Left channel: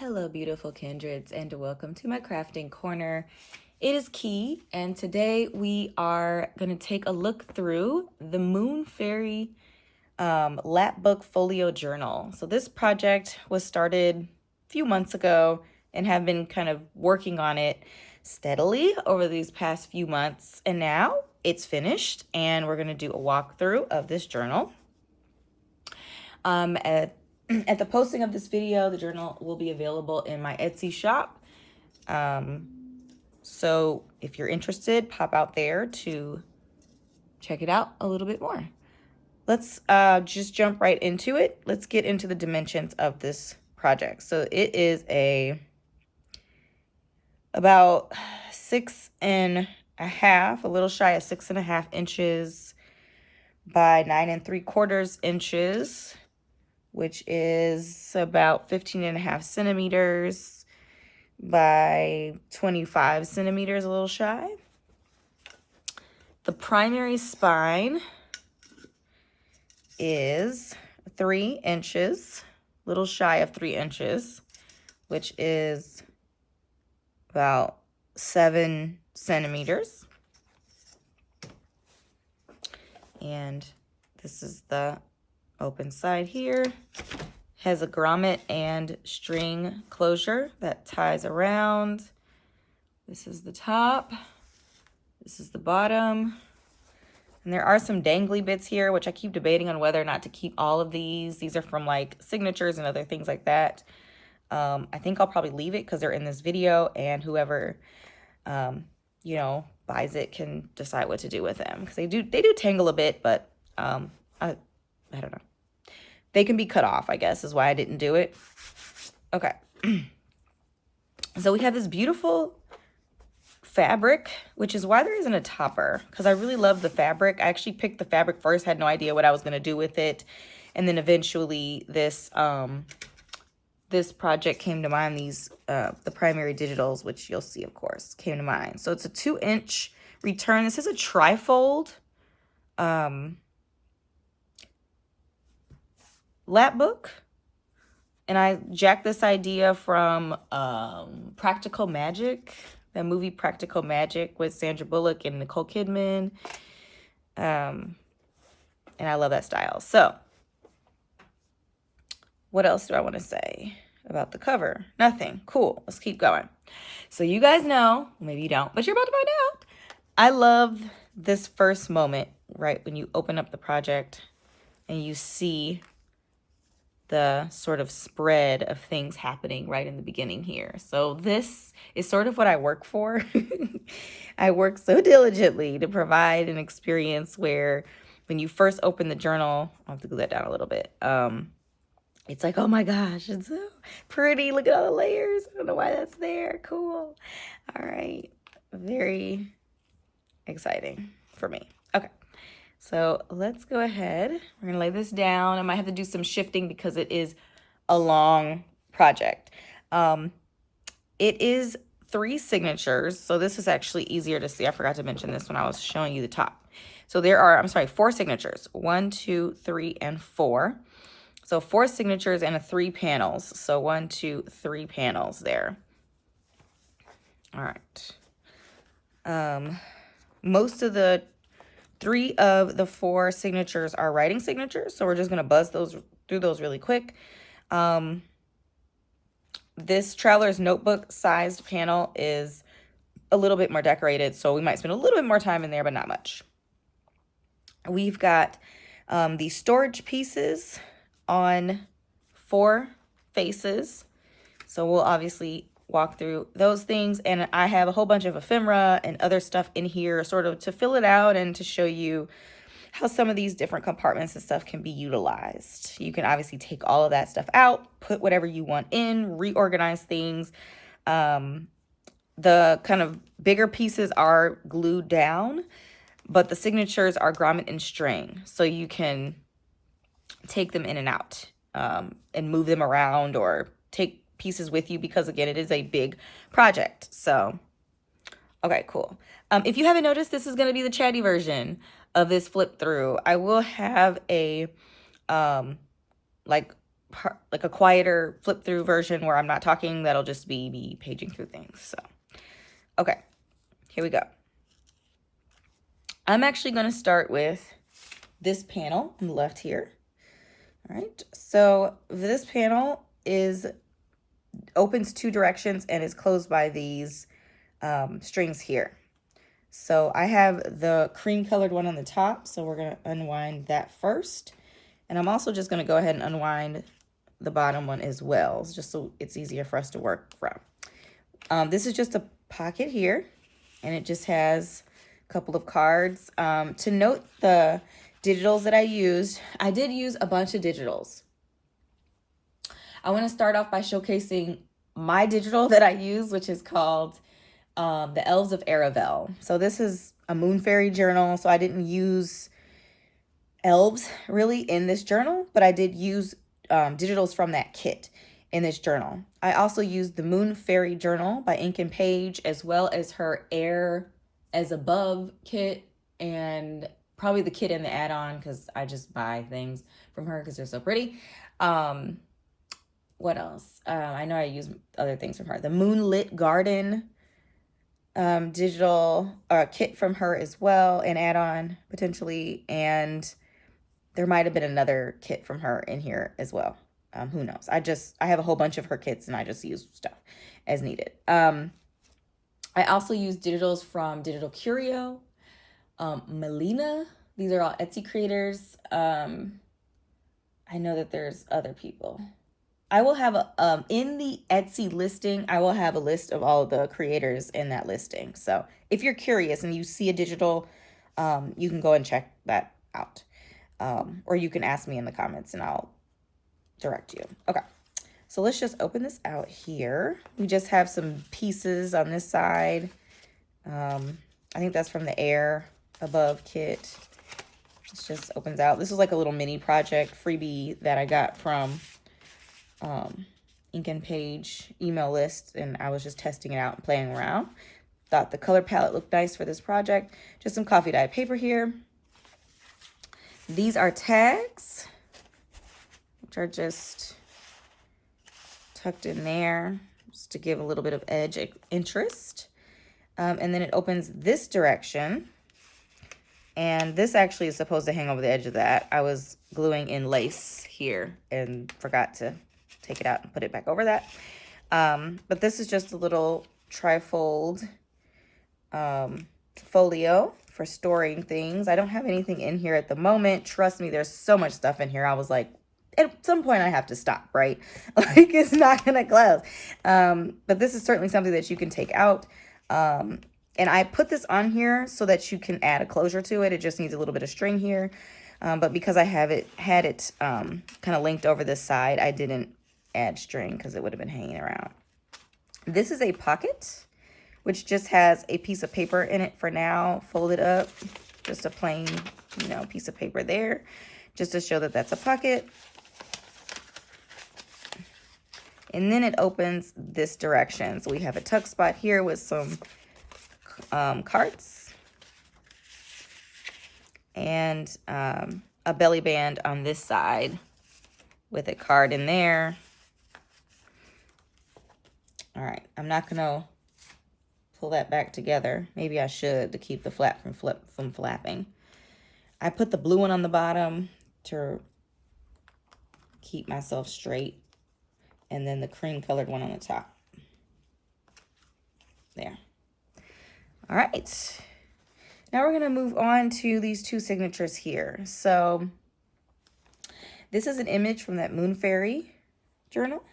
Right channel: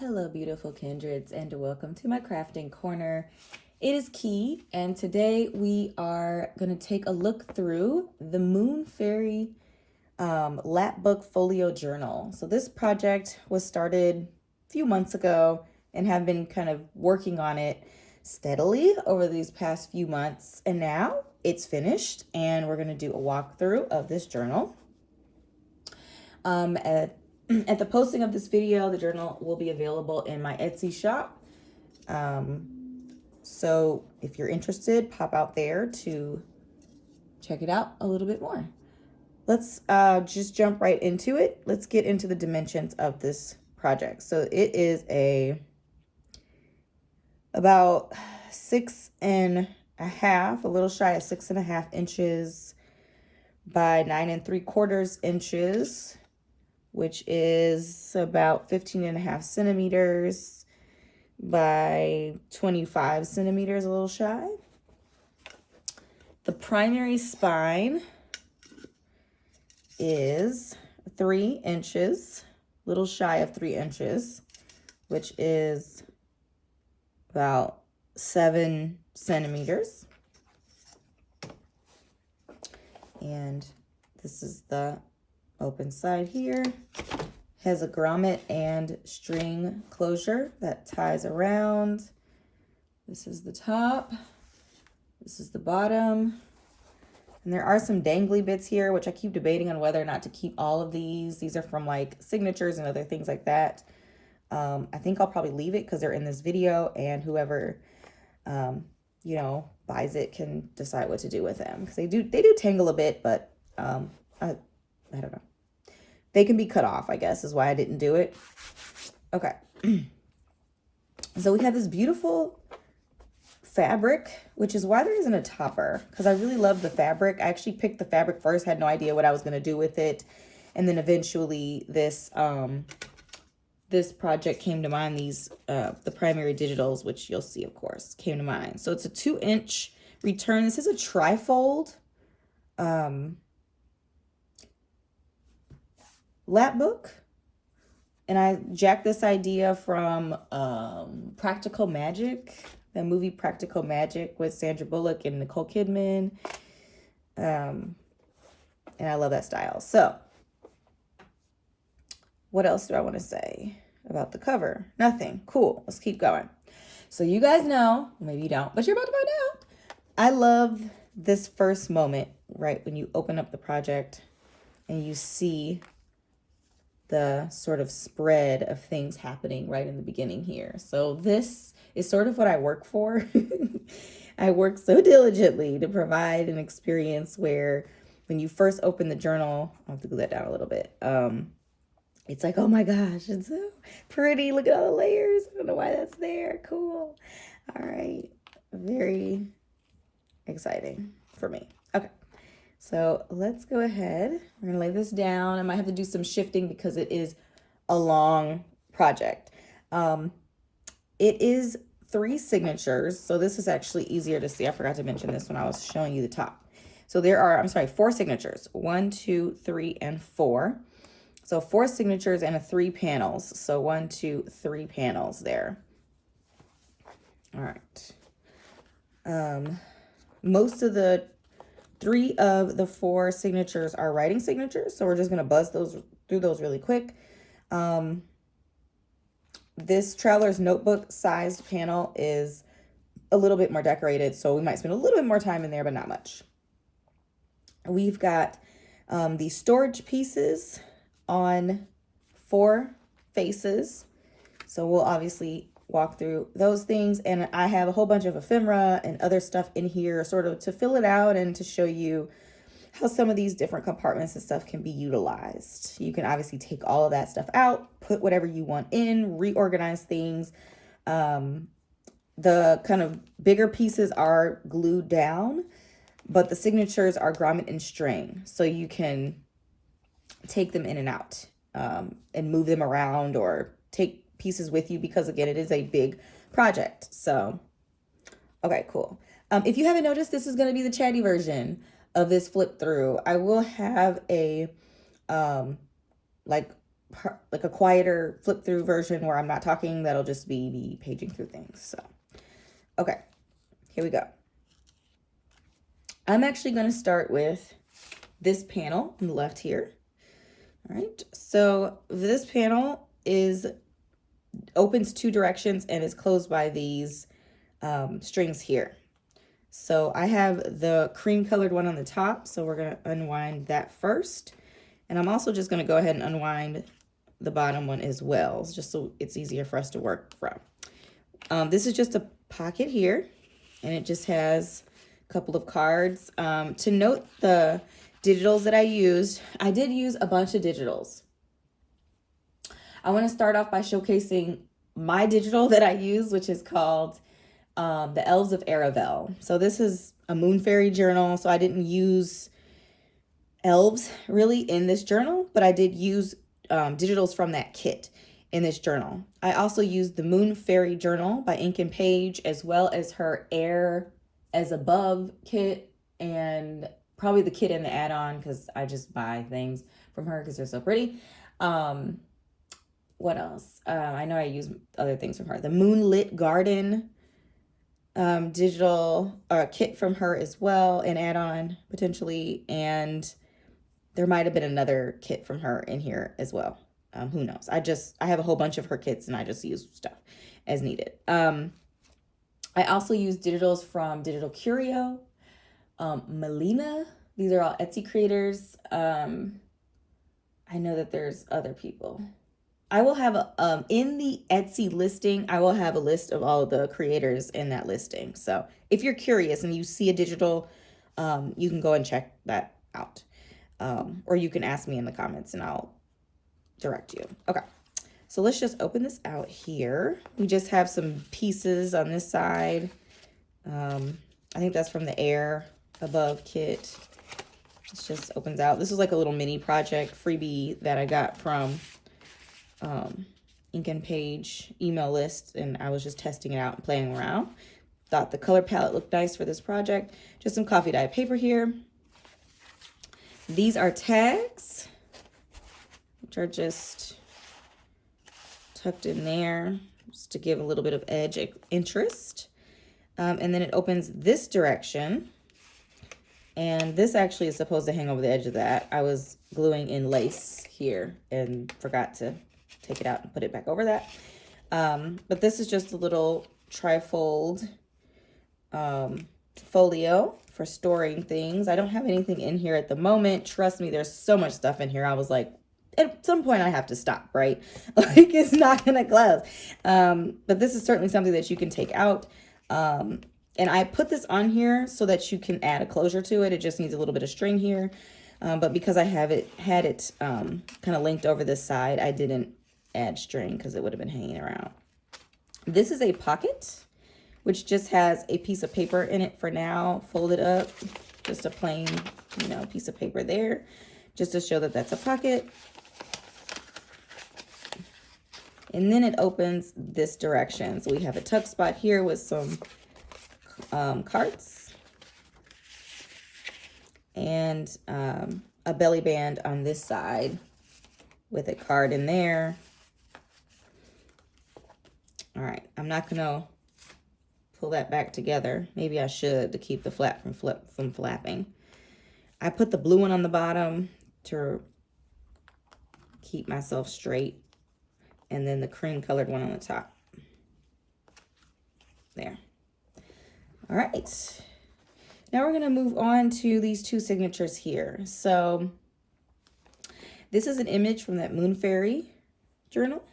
Hello, beautiful kindreds, and welcome to my crafting corner. It is Key, and today we are going to take a look through the Moonfairy Lapbook Folio journal. So this project was started a few months ago and have been kind of working on it steadily over these past few months, and now it's finished, and we're going to do a walkthrough of this journal. At the posting of this video, the journal will be available in my Etsy shop. So if you're interested, pop out there to check it out a little bit more. Let's just jump right into it. Let's get into the dimensions of this project. So it is about 6.5, a little shy of 6.5 inches by 9 3/4 inches, which is about 15.5 centimeters by 25 centimeters, a little shy. The primary spine is 3 inches, little shy of 3 inches, which is about 7 centimeters. And this is the open side here. Has a grommet and string closure that ties around. This is the top. This is the bottom. And there are some dangly bits here, which I keep debating on whether or not to keep all of these. These are from like signatures and other things like that. I think I'll probably leave it because they're in this video, and whoever, buys it can decide what to do with them, because they do tangle a bit, but I don't know. They can be cut off, I guess, is why I didn't do it. Okay. So we have this beautiful fabric, which is why there isn't a topper, because I really love the fabric. I actually picked the fabric first, had no idea what I was going to do with it. And then eventually this project came to mind. The primary digitals, which you'll see, of course, came to mind. So it's a 2-inch return. This is a trifold Lapbook, and I jacked this idea from Practical Magic, the movie Practical Magic with Sandra Bullock and Nicole Kidman, and I love that style. So what else do I want to say about the cover? Nothing. Cool. Let's keep going. So you guys know, maybe you don't, but you're about to find out. I love this first moment, right, when you open up the project and you see the sort of spread of things happening right in the beginning here. So this is sort of what I work for. I work so diligently to provide an experience where when you first open the journal, I'll have to glue that down a little bit. It's like, oh my gosh, it's so pretty. Look at all the layers. I don't know why that's there. Cool. All right. Very exciting for me. Okay. So let's go ahead. We're going to lay this down. I might have to do some shifting because it is a long project. It is 3 signatures. So this is actually easier to see. I forgot to mention this when I was showing you the top. So there are, 4 signatures. 1, 2, 3, and 4. So 4 signatures and 3 panels. So 1, 2, 3 panels there. All right. Most of the 3 of the 4 signatures are writing signatures, so we're just going to buzz through those really quick. This Traveler's Notebook sized panel is a little bit more decorated, so we might spend a little bit more time in there, but not much. We've got these storage pieces on 4 faces, so we'll obviously walk through those things, and I have a whole bunch of ephemera and other stuff in here sort of to fill it out and to show you how some of these different compartments and stuff can be utilized. You can obviously take all of that stuff out, put whatever you want in, reorganize things. The kind of bigger pieces are glued down, but the signatures are grommet and string, so you can take them in and out and move them around or take pieces with you, because again, it is a big project. So okay, cool. If you haven't noticed, this is going to be the Chatty version of this flip through. I will have a like like a quieter flip through version where I'm not talking. That'll just be me paging through things. So, okay, here we go. I'm actually going to start with this panel on the left here. All right, so this panel opens 2 directions and is closed by these strings here. So I have the cream colored one on the top, so we're going to unwind that first. And I'm also just going to go ahead and unwind the bottom one as well, just so it's easier for us to work from. This is just a pocket here, and it just has a couple of cards. To note the digitals that I used, I did use a bunch of digitals. I want to start off by showcasing my digital that I use, which is called The Elves of Aravel. So this is a Moonfairy journal, so I didn't use elves really in this journal, but I did use digitals from that kit in this journal. I also used the Moonfairy journal by Ink and Page, as well as her Air as Above kit, and probably the kit and the add-on, because I just buy things from her because they're so pretty. What else? I know I use other things from her. The Moonlit Garden digital kit from her as well, an add-on potentially, and there might have been another kit from her in here as well. Who knows? I have a whole bunch of her kits and I just use stuff as needed. I also use digitals from Digital Curio, Melina. These are all Etsy creators. I know that there's other people. I will have in the Etsy listing, I will have a list of all of the creators in that listing. So if you're curious and you see a digital, you can go and check that out. Or you can ask me in the comments and I'll direct you. Okay, so let's just open this out here. We just have some pieces on this side. I think that's from the Air Above kit. This just opens out. This is like a little mini project freebie that I got from Ink and Page email list, and I was just testing it out and playing around. Thought the color palette looked nice for this project. Just some coffee dye paper here. These are tags, which are just tucked in there just to give a little bit of edge interest. And then it opens this direction. And this actually is supposed to hang over the edge of that. I was gluing in lace here and forgot to take it out and put it back over that. But this is just a little trifold folio for storing things. I don't have anything in here at the moment. Trust me, there's so much stuff in here. I was like, at some point I have to stop, right? Like, it's not gonna close. But this is certainly something that you can take out. And I put this on here so that you can add a closure to it. It just needs a little bit of string here. But because I had it kind of linked over this side, I didn't add string because it would have been hanging around. This is a pocket, which just has a piece of paper in it for now, folded up, just a plain, piece of paper there, just to show that that's a pocket. And then it opens this direction. So we have a tuck spot here with some cards and a belly band on this side with a card in there. All right, I'm not gonna pull that back together. Maybe I should, to keep the flap from flapping. I put the blue one on the bottom to keep myself straight, and then the cream colored one on the top. There. All right. Now we're gonna move on to these 2 signatures here. So this is an image from that Moonfairy journal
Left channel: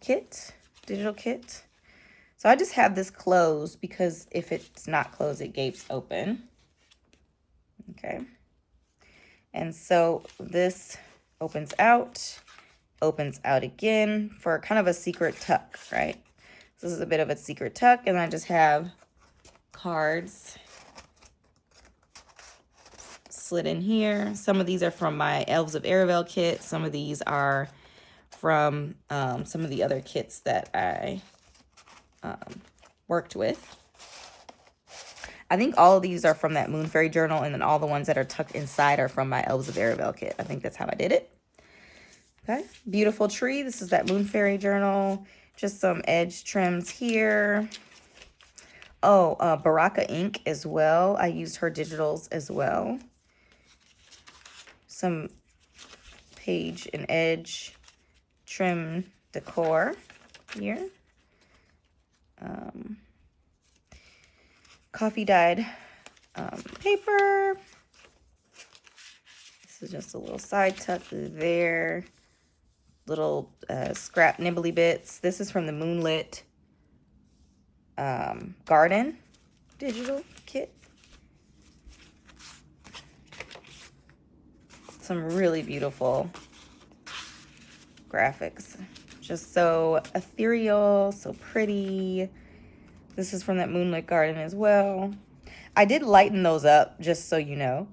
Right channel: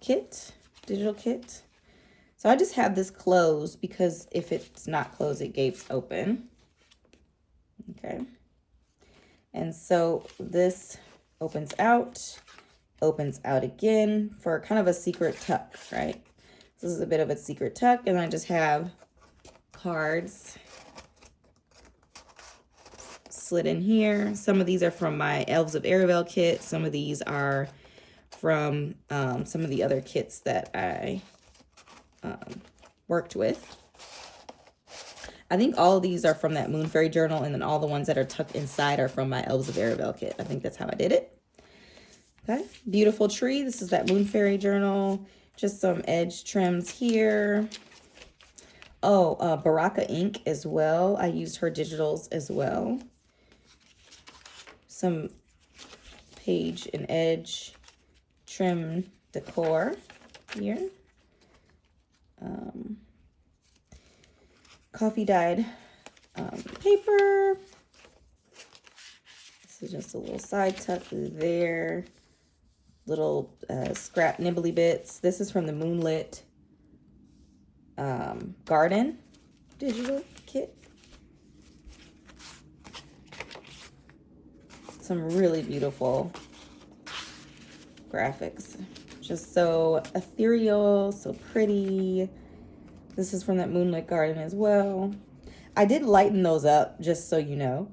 kit, digital kit. So I just have this closed because if it's not closed, it gapes open. Okay. And so this opens out again for kind of a secret tuck, right? This is a bit of a secret tuck, and I just have cards slid in here. Some of these are from my Elves of Aravel kit. Some of these are from some of the other kits that I worked with. I think all of these are from that Moonfairy journal, and then all the ones that are tucked inside are from my Elves of Aravel kit. I think that's how I did it. Okay, beautiful tree. This is that Moonfairy journal. Just some edge trims here. Oh, Baraka ink as well. I used her digitals as well. Some page and edge trim decor here. Coffee dyed paper. This is just a little side tuck there. Little scrap nibbly bits. This is from the Moonlit Garden digital kit. Some really beautiful graphics. Just so ethereal, so pretty. This is from that Moonlit Garden as well. I did lighten those up, just so you know.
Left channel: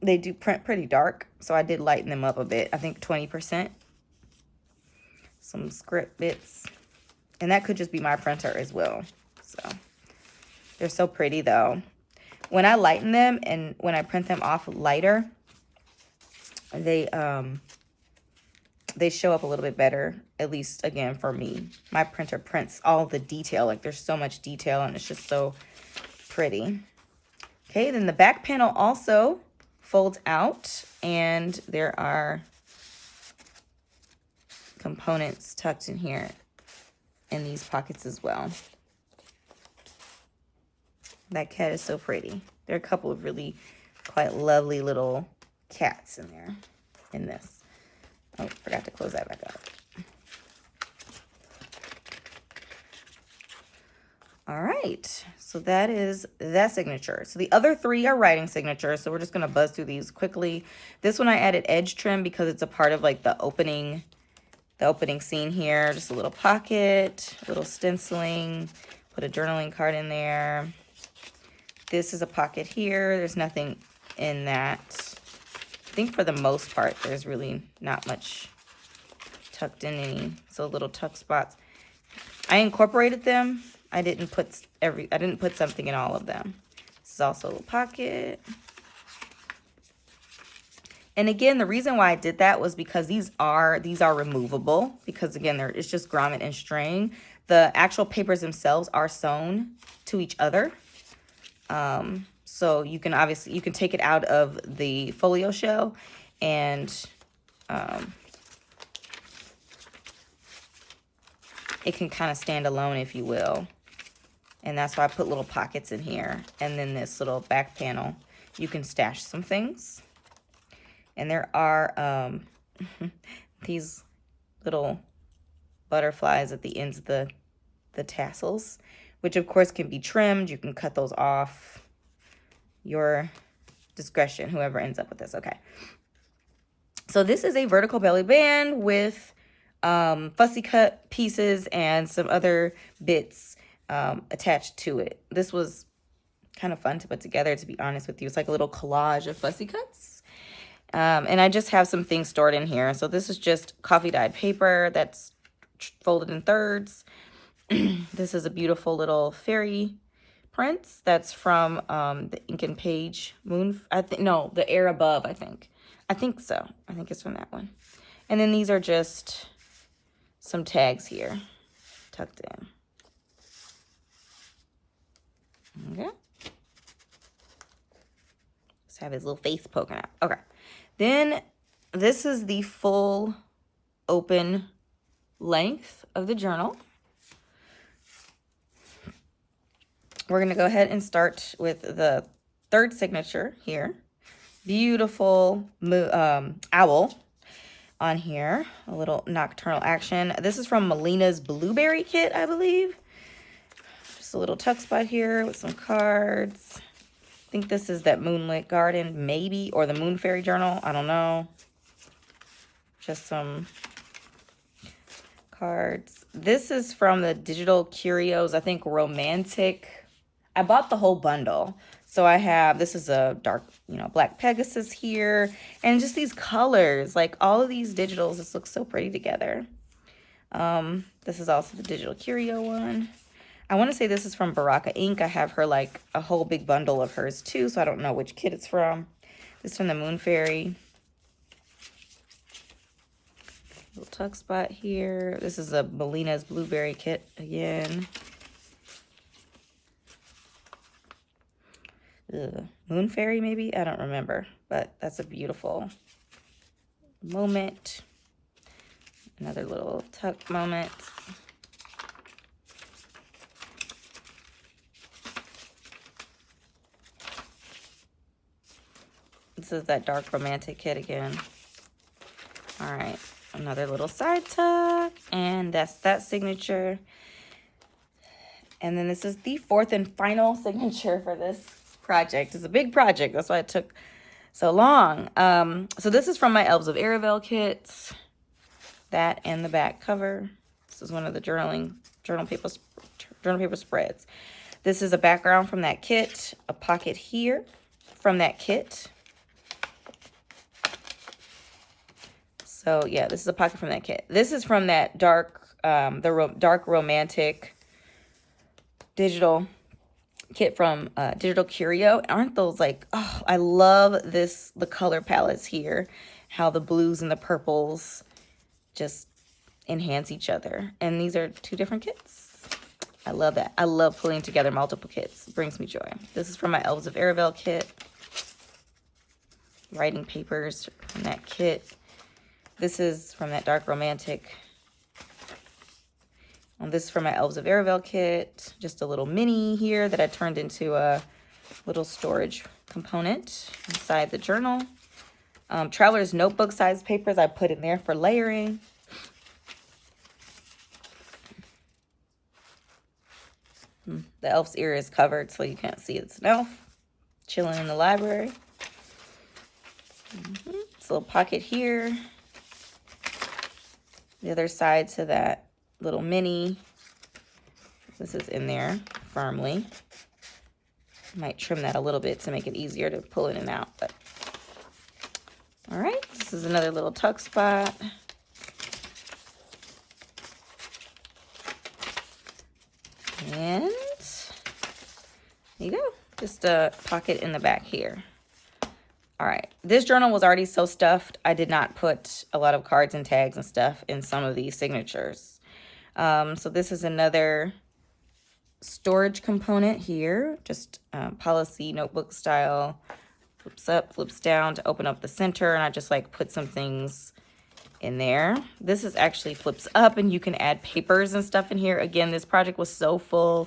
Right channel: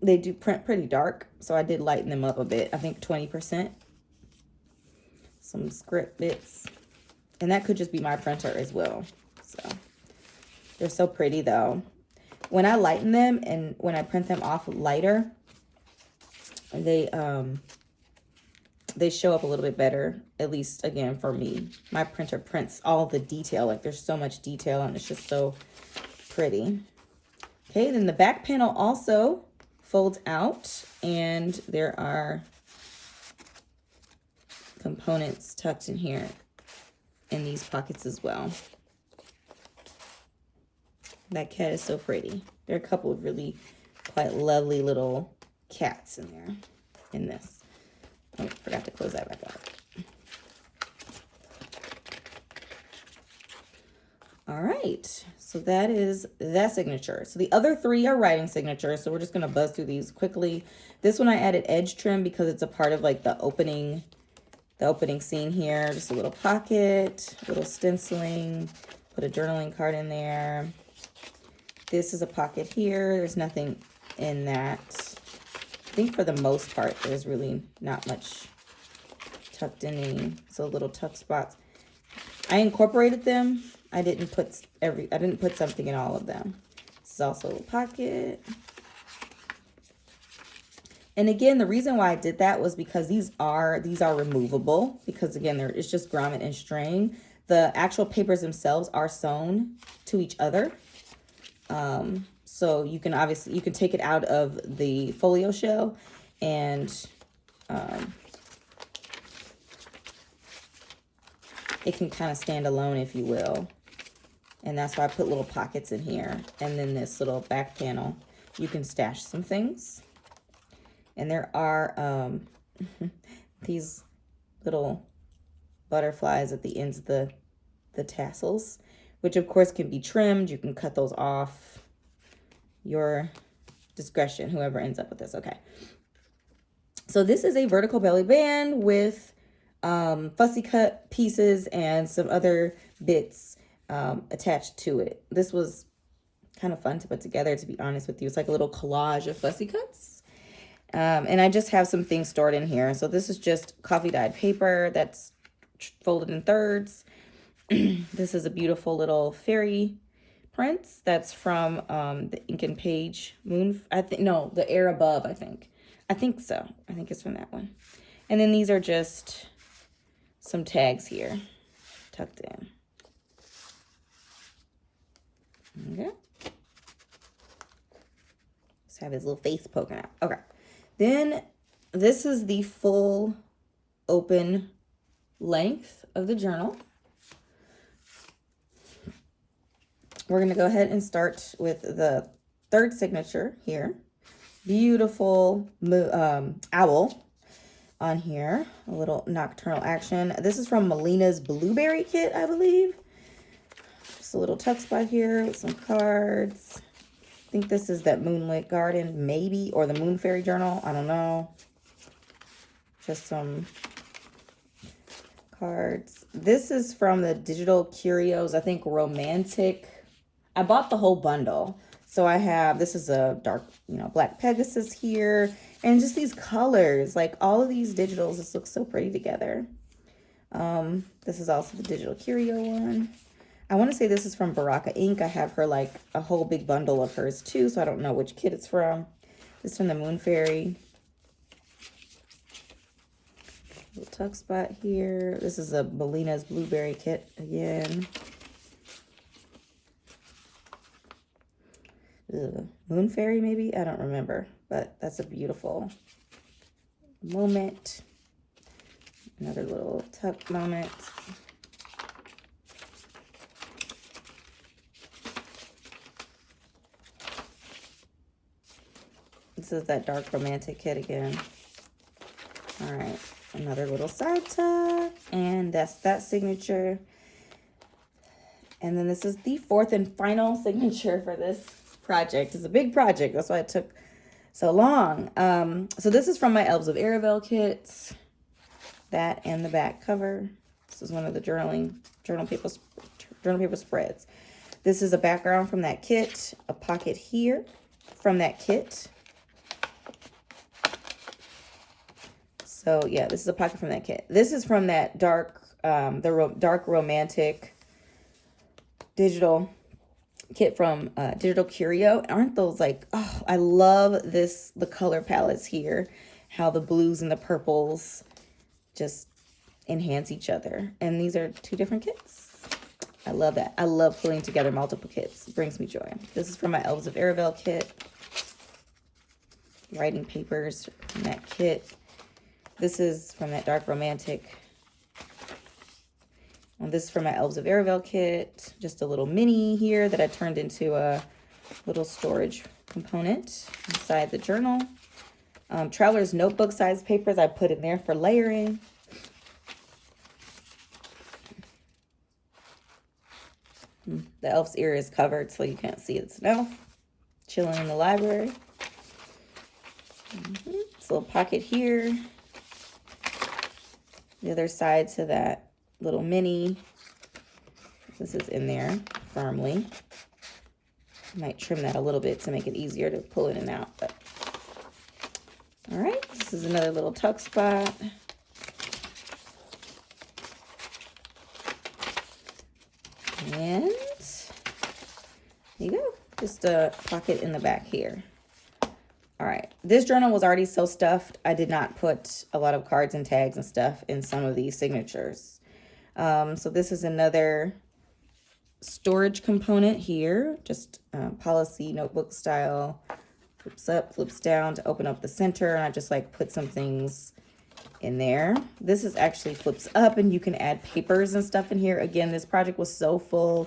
They do print pretty dark, so I did lighten them up a bit. I think 20%. Some script bits. And that could just be my printer as well. So they're so pretty though. When I lighten them and when I print them off lighter, they show up a little bit better, at least again for me. My printer prints all the detail, like there's so much detail and it's just so pretty. Okay, then the back panel also folds out and there are components tucked in here in these pockets as well. That cat is so pretty. There are a couple of really quite lovely little cats in there in this. Oh, forgot to close that back up. All right, so that is that signature. So the other three are writing signatures, so we're just gonna buzz through these quickly. This one I added edge trim because it's a part of like the opening scene here. Just a little pocket, a little stenciling, put a journaling card in there. This is a pocket here. There's nothing in that. I think for the most part, there's really not much tucked in any, so little tuck spots. I incorporated them. I didn't put something in all of them. This is also a little pocket. And again, the reason why I did that was because these are removable, because again, it's just grommet and string. The actual papers themselves are sewn to each other. So you can take it out of the folio shell and it can kind of stand alone, if you will. And that's why I put little pockets in here. And then this little back panel, you can stash some things. And there are these little butterflies at the ends of the tassels, which of course can be trimmed. You can cut those off. Your discretion, whoever ends up with this. Okay. So this is a vertical belly band with fussy cut pieces and some other bits attached to it. This was kind of fun to put together, to be honest with you. It's like a little collage of fussy cuts. And I just have some things stored in here. So this is just coffee dyed paper that's folded in thirds. This is a beautiful little fairy prints. That's from the Ink and Page the Air Above, I think so. I think it's from that one. And then these are just some tags here tucked in. Okay. Let's have his little face poking out. Okay. Then this is the full open length of the journal. We're going to go ahead and start with the third signature here. Beautiful owl on here. A little nocturnal action. This is from Melina's Blueberry Kit, I believe. Just a little tuck spot here with some cards. I think this is that Moonlit Garden, maybe, or the Moonfairy journal. I don't know. Just some cards. This is from the Digital Curios, I think Romantic. I bought the whole bundle. So I have, this is a dark, Black Pegasus here. And just these colors, like all of these digitals, this looks so pretty together. This is also the Digital Curio one. I want to say this is from Baraka Ink. I have her like a whole big bundle of hers too, so I don't know which kit it's from. This is from the Moonfairy. Little tuck spot here. This is a Melina's Blueberry kit again. Moonfairy maybe? I don't remember, but that's a beautiful moment. Another little tuck moment. This is that dark romantic kit again. All right, another little side tuck, and that's that signature. And then this is the fourth and final signature for this project. It's a big project, that's why it took so long. So this is from my Elves of Aravel kits. That and the back cover. This is one of the journal paper spreads. This is a background from that kit, a pocket here from that kit. So yeah, this is a pocket from that kit. This is from that dark, dark romantic digital kit from Digital Curio. Aren't those like, oh, I love this, the color palettes here, how the blues and the purples just enhance each other. And these are two different kits. I love that. I love pulling together multiple kits. It brings me joy. This is from my Elves of Aravel kit. Writing papers from that kit. This is from that dark romantic. And this is from my Elves of Aravel kit. Just a little mini here that I turned into a little storage component inside the journal. Traveler's notebook size papers I put in there for layering. The elf's ear is covered so you can't see its snow. Chilling in the library. This little pocket here. The other side to that little mini. This is in there firmly. Might trim that a little bit to make it easier to pull in and out. But all right, this is another little tuck spot. And there you go. Just a pocket in the back here. All right, this journal was already so stuffed. I did not put a lot of cards and tags and stuff in some of these signatures. So this is another storage component here, just policy notebook style. Flips up, flips down to open up the center, and I just like put some things in there. This is actually flips up and you can add papers and stuff in here. Again, this project was so full,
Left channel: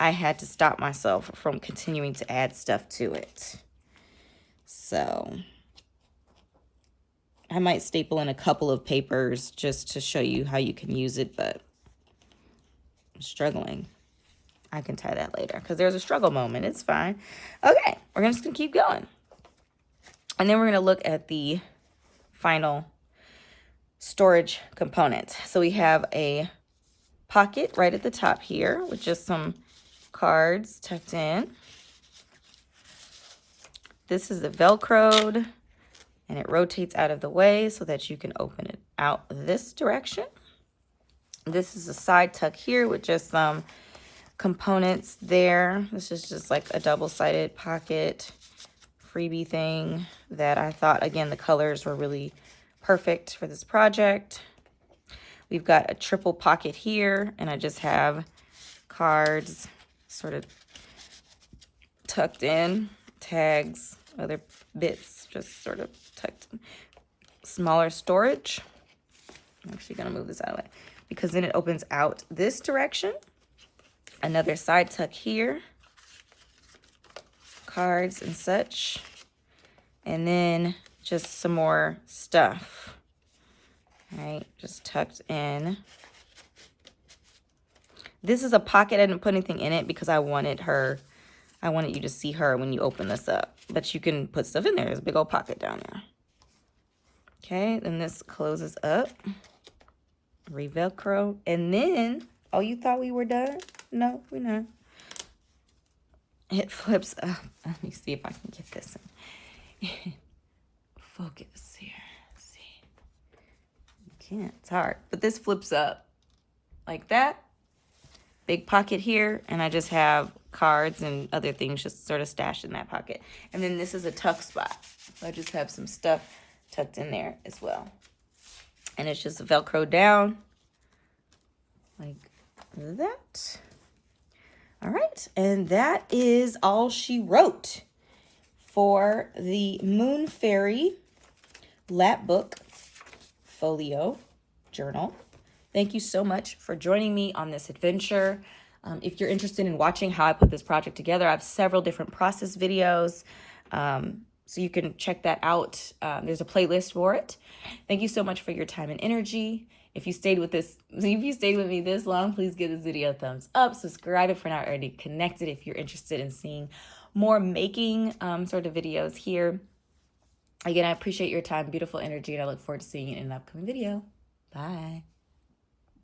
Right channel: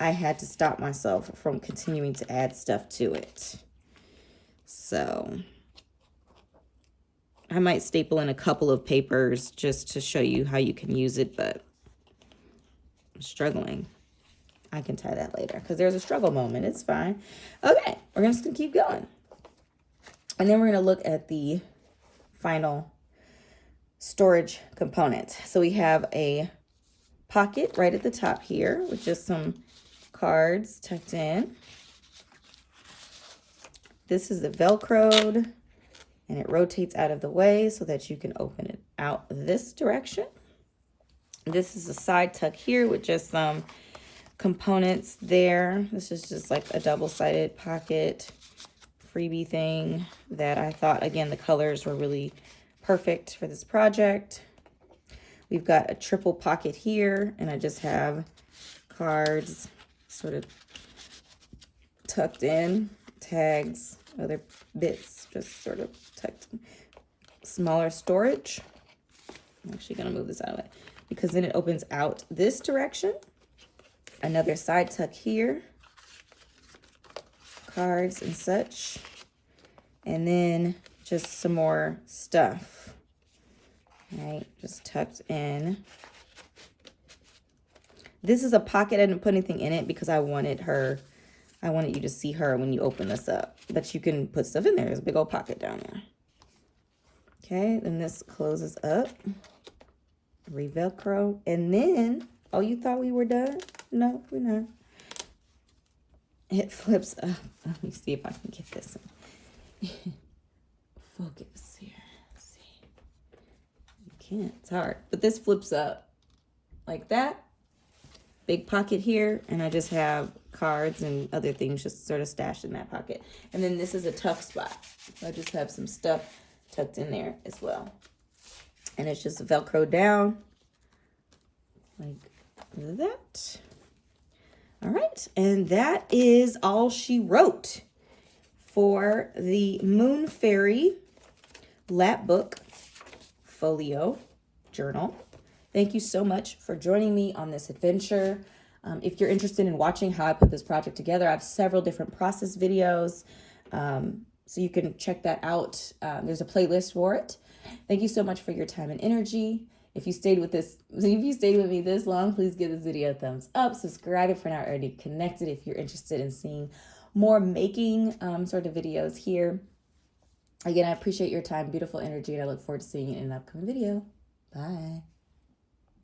I had to stop myself from continuing to add stuff to it. So I might staple in a couple of papers just to show you how you can use it, but I'm struggling. I can tie that later because there's a struggle moment. It's fine. Okay, we're just gonna keep going. And then we're gonna look at the final storage component. So we have a pocket right at the top here with just some cards tucked in. This is the Velcroed, and it rotates out of the way so that you can open it out this direction. This is a side tuck here with just some components there. This is just like a double-sided pocket freebie thing that I thought, again, the colors were really perfect for this project. We've got a triple pocket here, and I just have cards sort of tucked in, tags, other bits just sort of tucked in. Smaller storage. I'm actually going to move this out of the way because then it opens out this direction. Another side tuck here. Cards and such. And then just some more stuff. Right, just tucked in. This is a pocket. I didn't put anything in it because I wanted you to see her when you open this up. But you can put stuff in there. There's a big old pocket down there. Okay, then this closes up. Re-Velcro. And then, oh, you thought we were done? No, we're not. It flips up. Let me see if I can get this in. Focus here. Let's see. You can't. It's hard. But this flips up like that. Big pocket here. And I just have cards and other things just sort of stashed in that pocket. And then this is a tuck spot. So I just have some stuff tucked in there as well. And it's just Velcro down like that. All right, and that is all she wrote for the Moonfairy Lapbook Folio journal. Thank you so much for joining me on this adventure. If you're interested in watching how I put this project together, I have several different process videos, so you can check that out. There's a playlist for it. Thank you so much for your time and energy. If you stayed with me this long, please give this video a thumbs up. Subscribe if you're not already connected. If you're interested in seeing more making sort of videos here. Again, I appreciate your time, beautiful energy, and I look forward to seeing you in an upcoming video. Bye.